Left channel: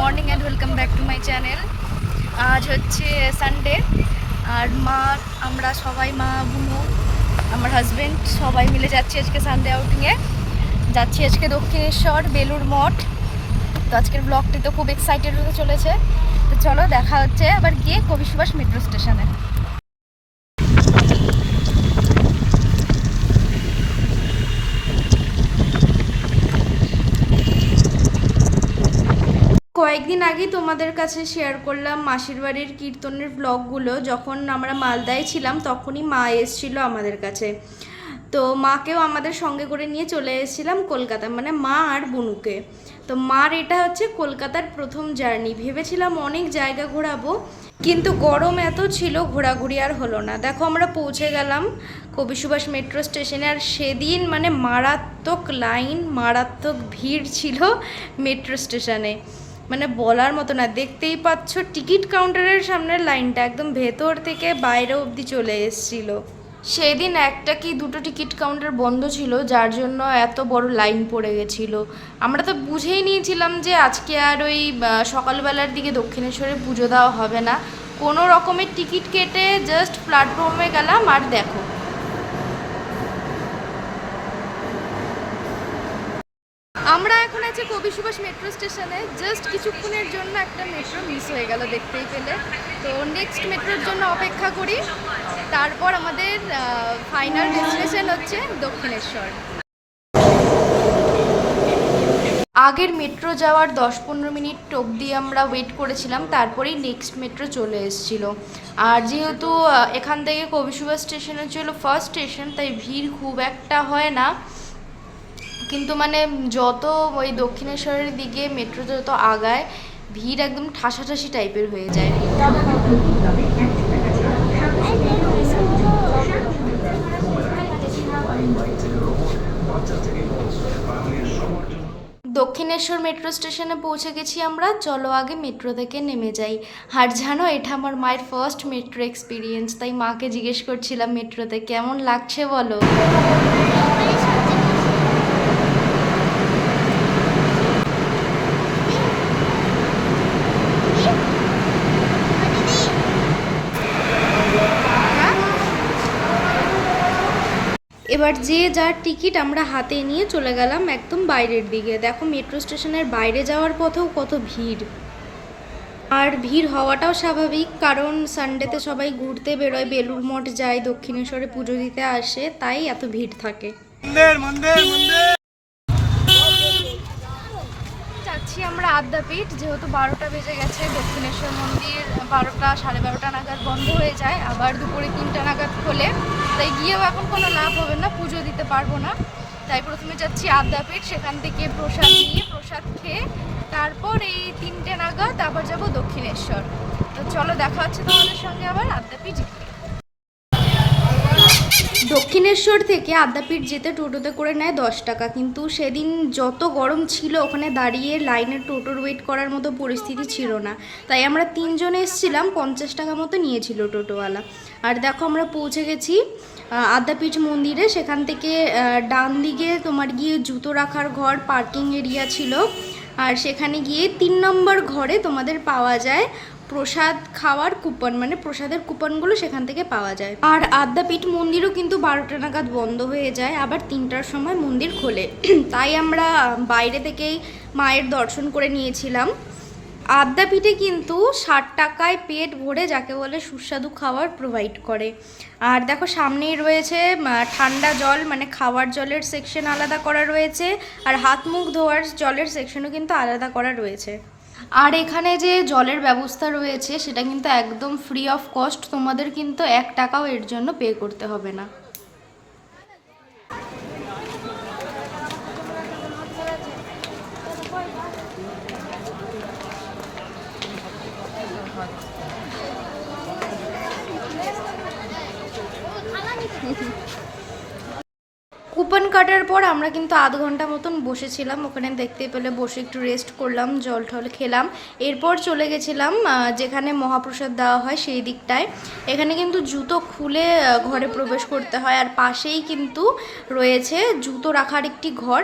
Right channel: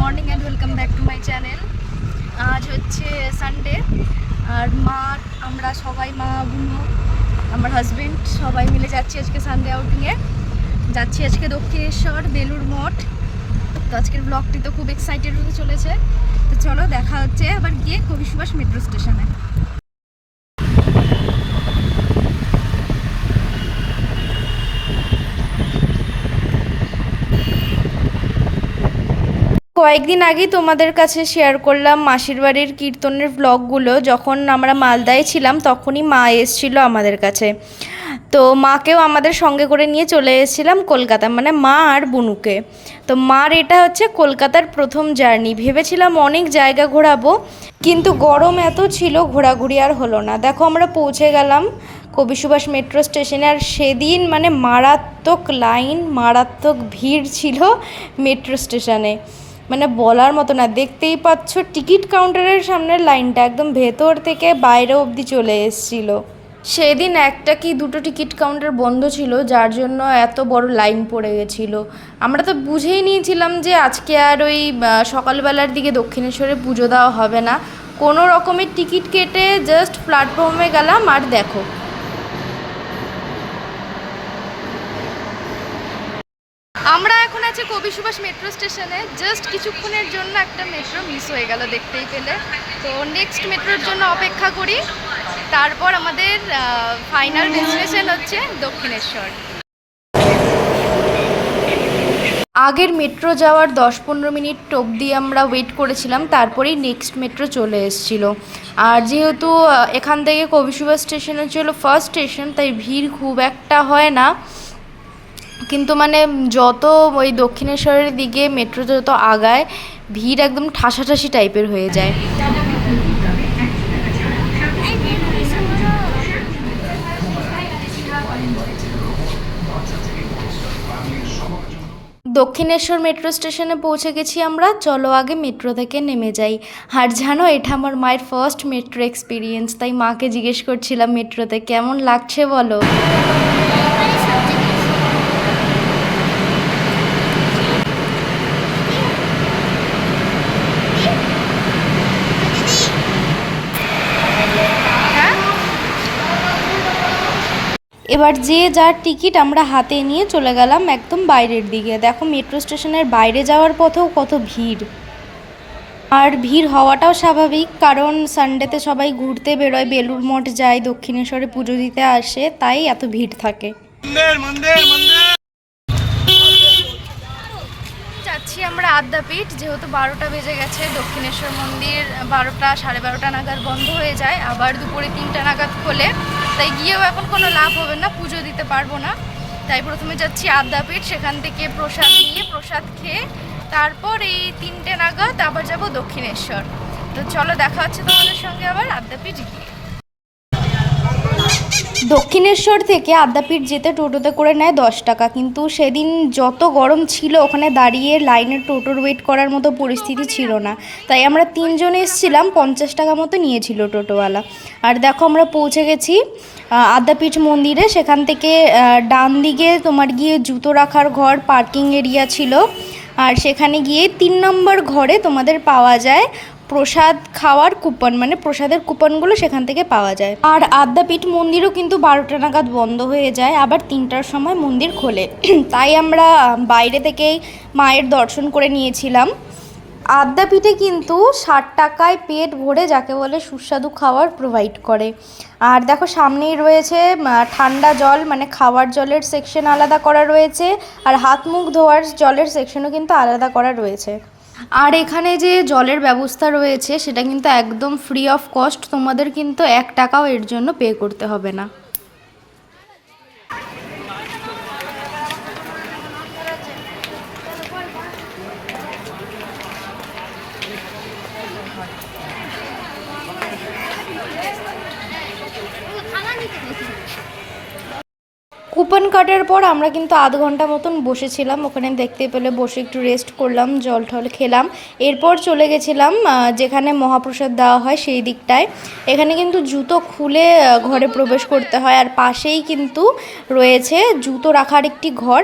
Morning and welcome back to my channel. আজ হচ্ছে Sunday আর মা, আমরা সবাই মা, বুনো, আমার হাজব্যান্ড সবাই মিলে যাচ্ছি আজকে সানডে আউটিংয়ে যাচ্ছি আজকে দক্ষিণেশ্বর বেলুর মঠ। তো আজকের ব্লগটি তো খুব এক্সাইটেড হতে চলেছে। তো চলো দেখা হচ্ছে আবার গিয়ে কবি সুভাষ মেট্রো স্টেশনে কয়েকদিন আগেই তোমাদের কাছে শেয়ার করলাম মাসির বাড়ির কীর্তনের ব্লগগুলো যখন আমরা মালদায় ছিলাম, তখনই মা এসেছিল আমাদের কাছে। তো মাকেও আমাদের সঙ্গে করে নিয়ে চলে এসেছিলাম কলকাতা মানে মা আর বুনুকে। তো মার এটা হচ্ছে কলকাতার প্রথম জার্নি। ভেবেছিলাম অনেক জায়গা ঘোরাবো, কিন্তু গরম এত ছিল, ঘোরাঘুরি আর হলো না। দেখো আমরা পৌঁছে গেলাম কবি সুভাষ মেট্রো স্টেশনে, আর সেদিন মানে মারাত্মক লাইন মারাত্মক ভিড় ছিল মেট্রো স্টেশনে। মানে বলার মতো না। দেখতেই পাচ্ছ, টিকিট কাউন্টারের সামনের লাইনটা একদম ভেতর থেকে বাইরে অবধি চলে এসেছিল। সেদিন একটা কি দুটো টিকিট কাউন্টার বন্ধ ছিল, যার জন্য এত বড় লাইন পড়ে গেছিল। আমরা তো বুঝেই নিয়েছিলাম যে আজকে আর ওই সকালবেলার দিকে দক্ষিণেশ্বরে পুজো দেওয়া হবে না। কোনো রকমের টিকিট কেটে জাস্ট প্ল্যাটফর্মে গেলাম, আর দেখো। আমরা এখন আছি কবি সুভাষ মেট্রো স্টেশনে জাস্ট কিছুক্ষণের জন্য একটা মেট্রো মিস হয়ে গেল দেখতেই পেলে। তো নেক্সট মেট্রোর জন্য অপেক্ষা করি। তারপর আমাদের ফাইনাল ডেস্টিনেশন হচ্ছে দক্ষিণেশ্বর। আগের মেট্রো যাওয়ার দশ পনেরো মিনিট অবধি আমরা ওয়েট করেছিলাম, তারপরেই নেক্সট মেট্রো চলে এসেছিল। আর যেহেতু এখান থেকে কবি সুভাষ স্টেশন হচ্ছিল ফার্স্ট স্টেশন তাই ভিড় খুব একটা হয় না। কিন্তু মানে যত ওই দক্ষিণেশ্বরের দিকে মেট্রো যত আগায়, ভিড় একদম ঠাসাঠাসি টাইপের হয়ে যায়। দক্ষিণেশ্বর মেট্রো স্টেশনে পৌঁছে গেছি আমরা। চলো আগে মেট্রো থেকে নেমে যাই। আর জানো, এটা আমার মায়ের ফার্স্ট মেট্রো এক্সপিরিয়েন্স তাই মাকে জিজ্ঞেস করছিলাম মেট্রোতে, কেমন লাগছে বলো হ্যাঁ এবার যে যার টিকিট আমরা হাতে নিয়ে চলে গেলাম একদম বাইরের দিকে। দেখো মেট্রো স্টেশনের বাইরে যাওয়ার পথেও কত ভিড়। আর ভিড় হওয়াটাও স্বাভাবিক কারণ সানডেতে সবাই ঘুরতে বেরোয় বেলুর মঠ যায় দক্ষিণেশ্বরে পুজো দিতে আসে তাই এত ভিড় থাকে। যাচ্ছি আমরা আদ্যাপীঠ যেহেতু বারোটা বেজে গেছে দক্ষিণেশ্বর মন্দির বারোটা সাড়ে বারোটা নাগাদ বন্ধ হয়ে যায় আবার দুপুরে তিনটা নাগাদ খোলে। তাই গিয়েও এখন কোনো লাভ হবে না, পুজো দিতে পারব না। তাই প্রথমে যাচ্ছি আদ্যাপীঠ, সেখান থেকে প্রসাদ নিয়ে প্রসাদ খেয়ে তারপর এই তিনটে নাগাদ আবার যাব দক্ষিণেশ্বর। তো চলো দেখা হচ্ছে তোমাদের সঙ্গে আবার, আদ্যাপীঠ গিয়ে। দক্ষিণেশ্বর থেকে আদ্যাপীঠ যেতে টোটোতে করে নেয় দশ টাকা। কিন্তু সেদিন যত গরম ছিল, ওখানে দাঁড়িয়ে লাইনে টোটোর ওয়েট করার মতো পরিস্থিতি ছিল না। তাই আমরা তিনজন এসেছিলাম, পঞ্চাশ টাকা মতো নিয়েছিল টোটোওয়ালা। আর দেখো আমরা পৌঁছে গেছি আদ্যাপীঠ মন্দিরে। সেখান থেকে ডান দিকে তোমার গিয়ে জুতো রাখার ঘর পার্কিং এরিয়া ছিল। আর সেখানে গিয়ে তিন নম্বর ঘরে তোমাদের পাওয়া যায় প্রসাদ খাওয়ার কুপন মানে প্রসাদের কুপনগুলো সেখান থেকে পাওয়া যায়। আর আদ্যাপীঠ মন্দিরও কিন্তু বারোটা নাগাদ বন্ধ হয়ে যায়, আবার তিনটার সময় মন্দির খোলে। তাই আমরা বাইরে থেকেই মায়ের দর্শন করে নিয়েছিলাম। আদ্যাপীঠে কিন্তু ষাট টাকায় পেট ভরে যাকে বলে সুস্বাদু খাবার প্রোভাইড করে। আর দেখো সামনেই রয়েছে ঠান্ডা জল মানে খাওয়ার জলের সেকশন আলাদা করা রয়েছে, আর হাত মুখ ধোয়ার জলের সেকশনও কিন্তু আলাদা করা রয়েছে। আর এখানে যে জলের ব্যবস্থা রয়েছে, সেটা কিন্তু একদম ফ্রি অফ কস্ট তোমাদের কিন্তু এক টাকাও এর জন্য পে করতে হবে না। কুপন কাটার পর আমরা কিন্তু আধ ঘণ্টা মতন বসেছিলাম। ওখানে দেখতে পেলে বসে একটু রেস্ট করলাম, জল টল খেলাম। এরপর চলে গেছিলাম যেখানে মহাপ্রসাদ দেওয়া হয় সেই দিকটায়। এখানে কিন্তু জুতো খুলে ঘরে প্রবেশ করতে হয়। আর পাশেই কিন্তু রয়েছে জুতো রাখার একটি ঘর।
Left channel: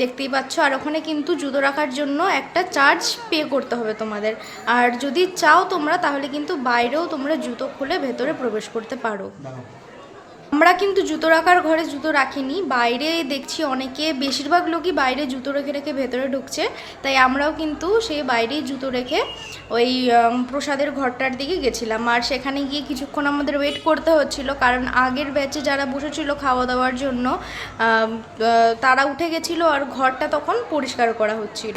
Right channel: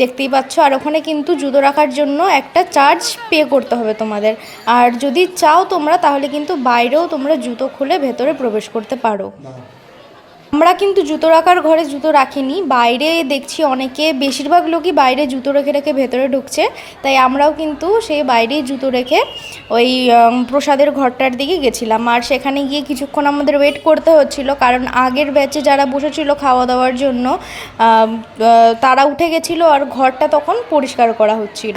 দেখতেই পাচ্ছ, আর ওখানে কিন্তু জুতো রাখার জন্য একটা চার্জ পে করতে হবে তোমাদের। আর যদি চাও তোমরা, তাহলে কিন্তু বাইরেও তোমরা জুতো খুলে ভেতরে প্রবেশ করতে পারো। আমরা কিন্তু জুতো রাখার ঘরে জুতো রাখিনি। বাইরে দেখছি অনেকে, বেশিরভাগ লোকই বাইরে জুতো রেখে রেখে ভেতরে ঢুকছে। তাই আমরাও কিন্তু সেই বাইরেই জুতো রেখে ওই প্রসাদের ঘরটার দিকে গেছিলাম। আর সেখানে গিয়ে কিছুক্ষণ আমাদের ওয়েট করতে হচ্ছিল। কারণ আগের ব্যাচে যারা বসেছিল খাওয়া দাওয়ার জন্য তারা উঠে গেছিল আর ঘরটা তখন পরিষ্কার করা হচ্ছিল।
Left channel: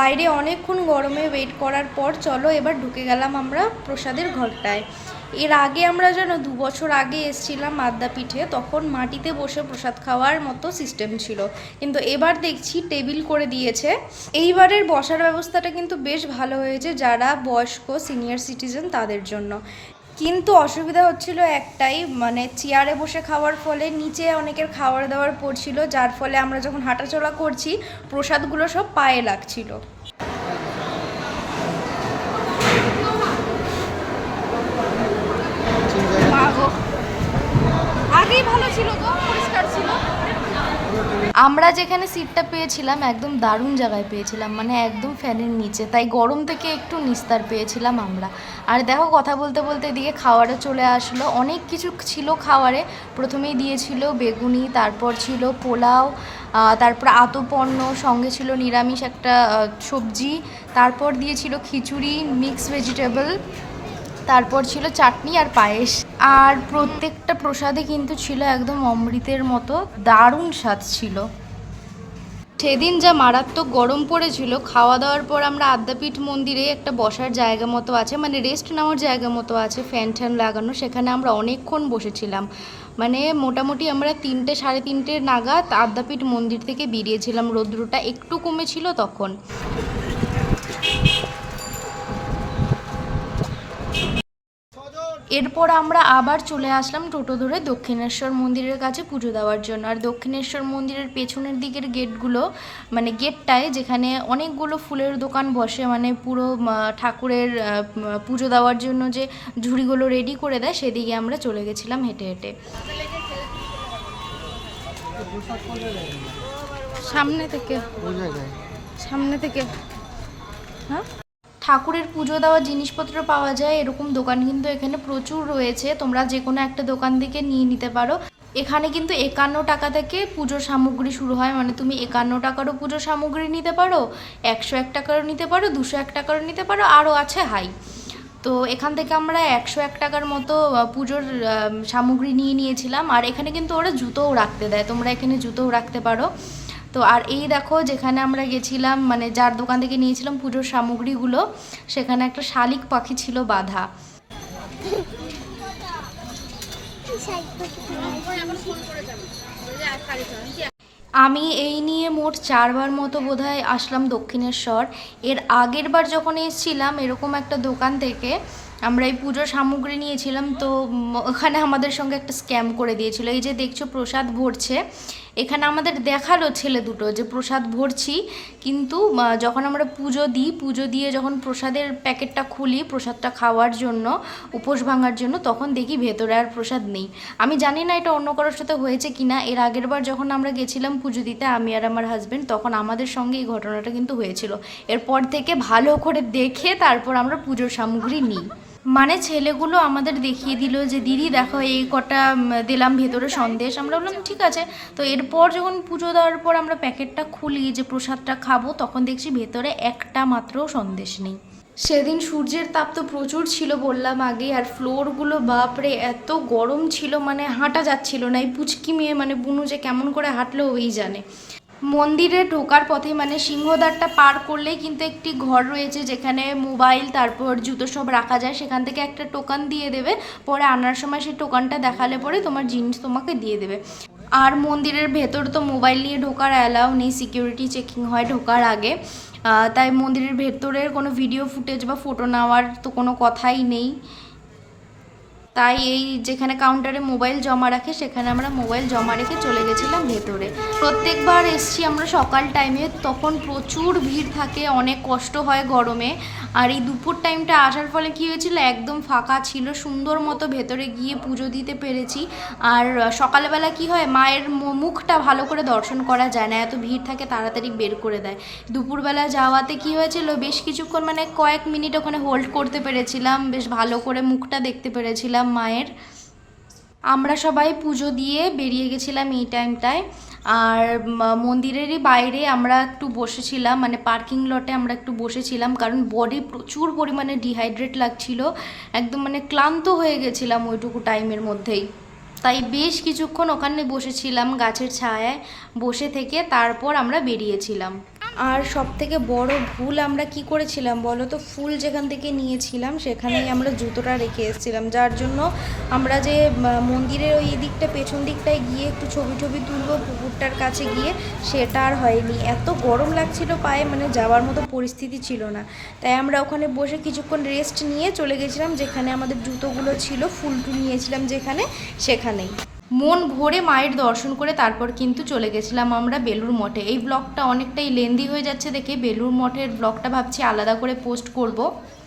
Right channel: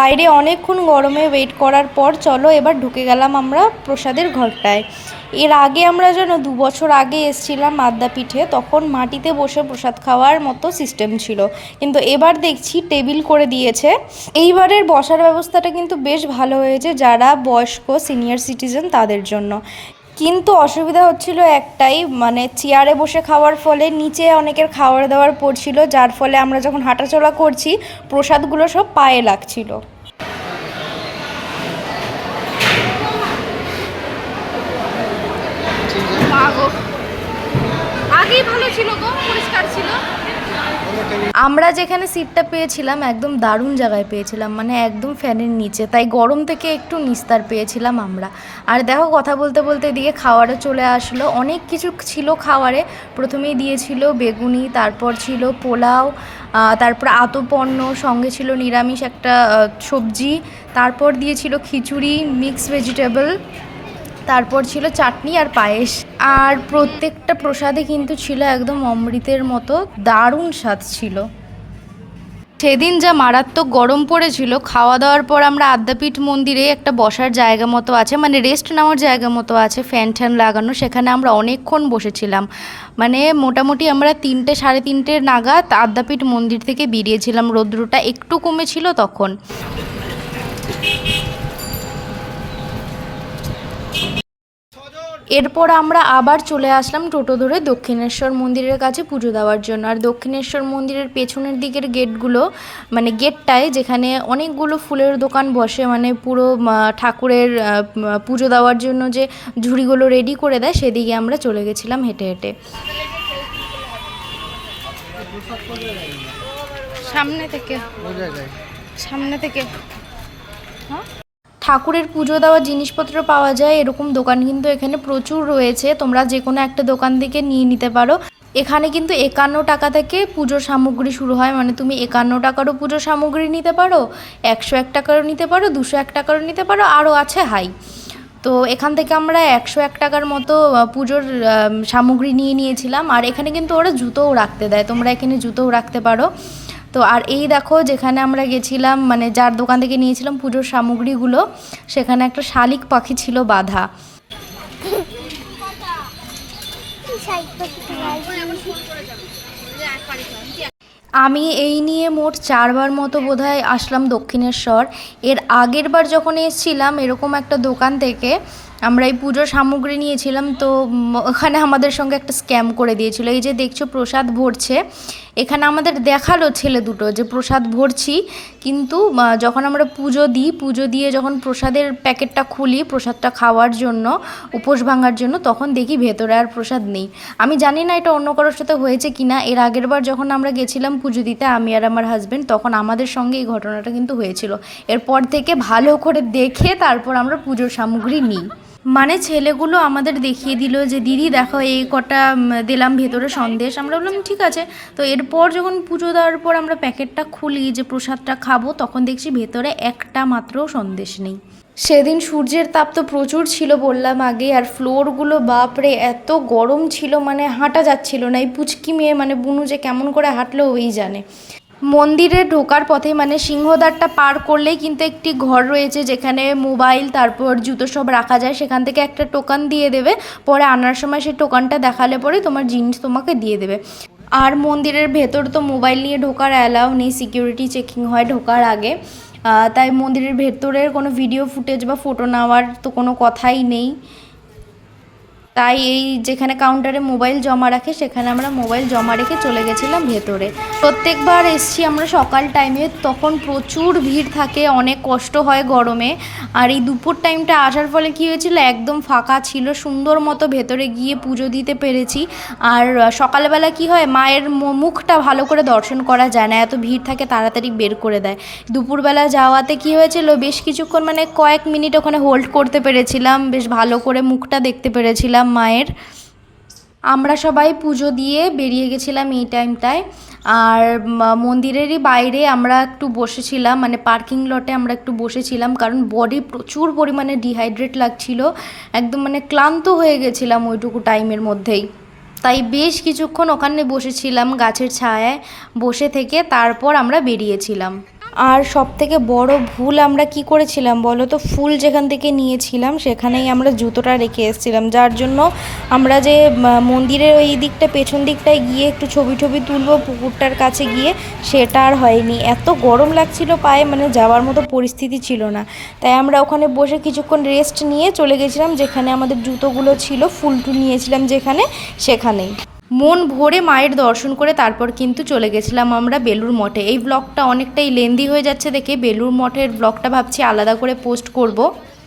বাইরে অনেকক্ষণ গরমে ওয়েট করার পর চলো এবার ঢুকে গেলাম আমরা প্রসাদের ঘরটায়। এর আগে আমরা যেন দু বছর আগে এসছিলাম আদ্যাপীঠে, তখন মাটিতে বসে প্রসাদ খাওয়ার মতো সিস্টেম ছিল। কিন্তু এবার দেখছি টেবিল করে দিয়েছে। এইবারের বসার ব্যবস্থাটা কিন্তু বেশ ভালো হয়েছে যারা বয়স্ক সিনিয়র সিটিজেন তাদের জন্য। কিন্তু অসুবিধা হচ্ছিল একটাই মানে চেয়ারে বসে খাওয়ার ফলে নিচে অনেকের খাওয়ার দাওয়ার পড়ছিল, যার ফলে আমরা যখন হাঁটাচলা করছি, প্রসাদগুলো সব পায়ে লাগছিল আগেই ভালো ছিল গো পরিষ্কার ছিল আমরা যেখানে সিটটা পেয়েছিলাম, একদম দারুণ জায়গায় পেয়েছিলাম মানে একদম ফ্যানের নিচে। তাই গরম থেকে একটু নিস্তার পেয়েছিলাম আমরা। আর দেখো, কথা বলতে বলতে এদিকে খাওয়ারে চলে আসলো। অনেক কিছু ছিল খাওয়ারে। প্রথমেই দিয়েছিল বেগুনি, তারপর ছিল পোলাও তারপর আতপন্ন সঙ্গে ছিল নিরামিষ একটা সবজি, তারপর দিয়েছিল খিচুড়ি মিক্স ভেজিটেবল তারপর ছিল চাটনি আর পায়েস। আর প্রত্যেকটা প্রসাদে কিন্তু ছিল একদম অমৃতের মতো, দারুণ স্বাদ ছিল। সেদিন যা মারাত্মক গরম পড়েছিল খাওয়া দাওয়ার পর আমরা আদ্যাপীঠ মন্দিরে একটা বসার জায়গা মতো আছে মানে রেস্ট নেওয়ার জায়গা মতো আছে ফ্যান ট্যান লাগানো, সেখানে আমরা অনেকক্ষণ বসেছিলাম। মানে মোটামুটি আমরা তিনটে, সাড়ে তিনটে নাগাদ আদ্যাপীঠ মন্দির থেকে বেরিয়েছিলাম। রৌদ্রটা একটু কমেছিল তখন। এরপর আমরা আবার চলে আসলাম টোটো ধরে দক্ষিণেশ্বর মন্দিরের কাছে পুজো দেওয়ার জন্য। আর দক্ষিণেশ্বর মন্দিরের পেছনের দিকের গেটগুলো মানে গেটটায় যেখানে অনেকগুলো ফুলের দোকান বসে মানে পুরো ঠাকুরের পুজো দেওয়ার জন্য যে ঝুড়িগুলো রেডি করে দেয় সেদিকে আমরা চলে গেছিলাম হেঁটে হেঁটে। সামনে থেকে। সামনে থেকে। হ্যাঁ? ঠাকুরের পুজো দেওয়ার জিনিসপত্র পাওয়া যায়, এরকম দোকান কিন্তু এখানে প্রচুর রয়েছে। তোমরা যে কোনো একটা দোকান থেকে নিয়ে নিতে পারো। এখানে কিন্তু একান্ন টাকা থেকে পুজোর সামগ্রী শুরু হয়। মানে তুমি একান্ন টাকারও পুজোর সামগ্রী নিতে পারো, একশো এক টাকারও নিতে পারো, দুশো এক টাকারও নিতে পারো, আরও আছে হাই। তো এখান থেকে আমরা একশো এক টাকার মতো পুজোর সামগ্রী নিয়ে নিয়েছিলাম। আর এখানে কিন্তু ওরা জুতোও রাখতে দেয়। তোমরা এখানে জুতোও রাখতে পারো। তো আর এই দেখো যেখানে আমরা গেছিলাম মানে যার দোকান থেকে নিয়েছিলাম পুজোর সামগ্রীগুলো, সেখানে একটা শালিক পাখি ছিল বাধা। আমি এই নিয়ে মোট চারবার মতো বোধহয় আসলাম দক্ষিণেশ্বর। এর আগের বার যখন এসেছিলাম এরকম একটা দোকান থেকে, আমরা এই পুজোর সামগ্রী নিয়েছিলাম, তো ওখানে আমাদের সঙ্গে একটা স্ক্যাম করে দিয়েছিল। এই যে দেখছ, প্রসাদ ভরছে। এখানে আমাদের দেখাল ছেলে দুটো যে প্রসাদ ভরছি, কিন্তু যখন আমরা পুজো দিই, পুজো দিয়ে যখন প্রসাদের প্যাকেটটা খুলি, প্রসাদটা খাওয়ার জন্য, উপোস ভাঙার জন্য, তখন দেখি ভেতরে আর প্রসাদ নেই। আমি জানি না এটা অন্য কারোর সাথে হয়েছে কি না এর আগের বার যখন আমরা গেছিলাম পুজো দিতে, আমি আর আমার হাজবেন্ড তখন আমাদের সঙ্গে এই ঘটনাটা কিন্তু হয়েছিল। এরপর থেকে ভালো করে দেখে তারপর আমরা পুজোর সামগ্রী নিই। মানে ছেলেগুলো আমাদের দেখিয়ে দিল যে, দিদি দেখো, এই কটা দিলাম ভেতরে সন্দেশ। আমরা বললাম, ঠিক আছে। তো এরপর যখন পুজো দেওয়ার পর আমরা প্যাকেটটা খুলি যে, প্রসাদটা খাব, তখন দেখছি ভেতরে একটা মাত্র সন্দেশ নেই। সেদিন সূর্যের তাপ তো প্রচুর ছিল বললাম আগে, আর ফ্লোরগুলো, বাপরে, এত গরম ছিল মানে হাঁটা যাচ্ছিল না। এই পুচকি মেয়ে মানে বুনু যে, কেমন করে হাঁটলো ওই জানে। মন্দিরে ঢোকার পথে মানে সিংহদ্বারটা পার করলেই কিন্তু একটি ঘর রয়েছে যেখানে মোবাইল, তারপর জুতো সব রাখা যায়। সেখান থেকে একটা টোকান দিয়ে দেবে। পরে আনার সময় সেই টোকানটা দেখালে পরে তোমার জিনিস তোমাকে দিয়ে দেবে। আর মন্দিরের ভেতর তো মোবাইল নিয়ে ঢোকার অ্যালাউ নেই, সিকিউরিটি চেকিং হয় ঢোকার আগে। তাই মন্দিরের ভেতরের কোনো ভিডিও ফুটেজ বা ফটো নেওয়ার তো কোনো কথাই নেই। তাই এই যেখানে কাউন্টারে মোবাইল জমা রাখে, সেখানে আমরা মোবাইল জমা রেখে চলে গেছিলাম ভেতরে। প্রত্যেকবার এসছি আমরা সকাল টাইমে তখন প্রচুর ভিড় থাকে, অনেক কষ্ট হয় গরমে। আর এই দুপুর টাইমটা আসার ফলে কী হয়েছিল, একদম ফাঁকা ছিল, সুন্দর মতো ভেতরে গিয়ে পুজো দিতে পেরেছি। আর সকালবেলা কি হয়, মায়ের মুখটা ভালো করে দর্শন করা যায় না, এত ভিড় থাকে তাড়াতাড়ি বের করে দেয়। দুপুরবেলা যাওয়াতে কি হয়েছিল, বেশ কিছুক্ষণ মানে কয়েক মিনিট ওখানে হোল্ড করতে পেরেছিলাম, বেশ ভালো করে মুখটা দেখতে পেরেছিলাম। মায়ের। আমরা সবাই পুজো দিয়ে বেরিয়ে গেছিলাম এই টাইমটায়। আর মন্দিরেরই বাইরে আমরা একটু বসেছিলাম মানে পার্কিং লটে আমরা একটু বসেছিলাম, কারণ বডি প্রচুর পরিমাণে ডিহাইড্রেট লাগছিল। একদম মানে ক্লান্ত হয়ে গেছিলাম ওইটুকু টাইমের মধ্যেই। তাই বেশ কিছুক্ষণ ওখানে বসেছিলাম গাছের ছায়ায়, বসে থেকে তারপর আমরা বেরিয়েছিলাম। আর সব থেকে বড় ভুল আমরা কি করেছিলাম বলো তো? ফুল যেখান থেকে নিয়েছিলাম সেখানেই আমরা জুতোটা রেখে এসেছিলাম, যার জন্য আমরা যে মন্দিরের ওই দিকটা, পেছন দিকটায় গিয়ে একটু ছবি টবি তুলবো পুকুরটার কাছে গিয়ে, সেটা আর হয়নি। এত গরম লাগছিল পায়ে মানে যাওয়ার মতো পরিস্থিতি ছিল না। তাই আমরা ওখানে বসে কিছুক্ষণ রেস্ট নিয়ে চলে গেছিলাম, যেখানে আমাদের জুতোগুলো ছিল, ফুল টুল নিয়েছিলাম যেখানে, সেখানেই। মন ভরে মায়ের দর্শন করে তারপর কিন্তু চলে গেছিলাম আমরা বেলুর মঠে। এই ব্লগটা অনেকটাই লেন্দি হয়ে যাচ্ছে দেখে বেলুর মঠের ব্লগটা ভাবছি আলাদা করে পোস্ট করব।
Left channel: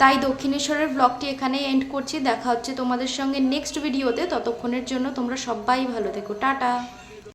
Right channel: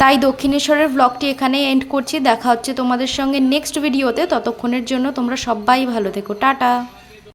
তাই দক্ষিণেশ্বরের ব্লগটি এখানে এন্ড করছি। দেখা হচ্ছে তোমাদের সঙ্গে নেক্সট ভিডিওতে ততক্ষণের জন্য তোমরা সবাই ভালো থেকো। টাটা।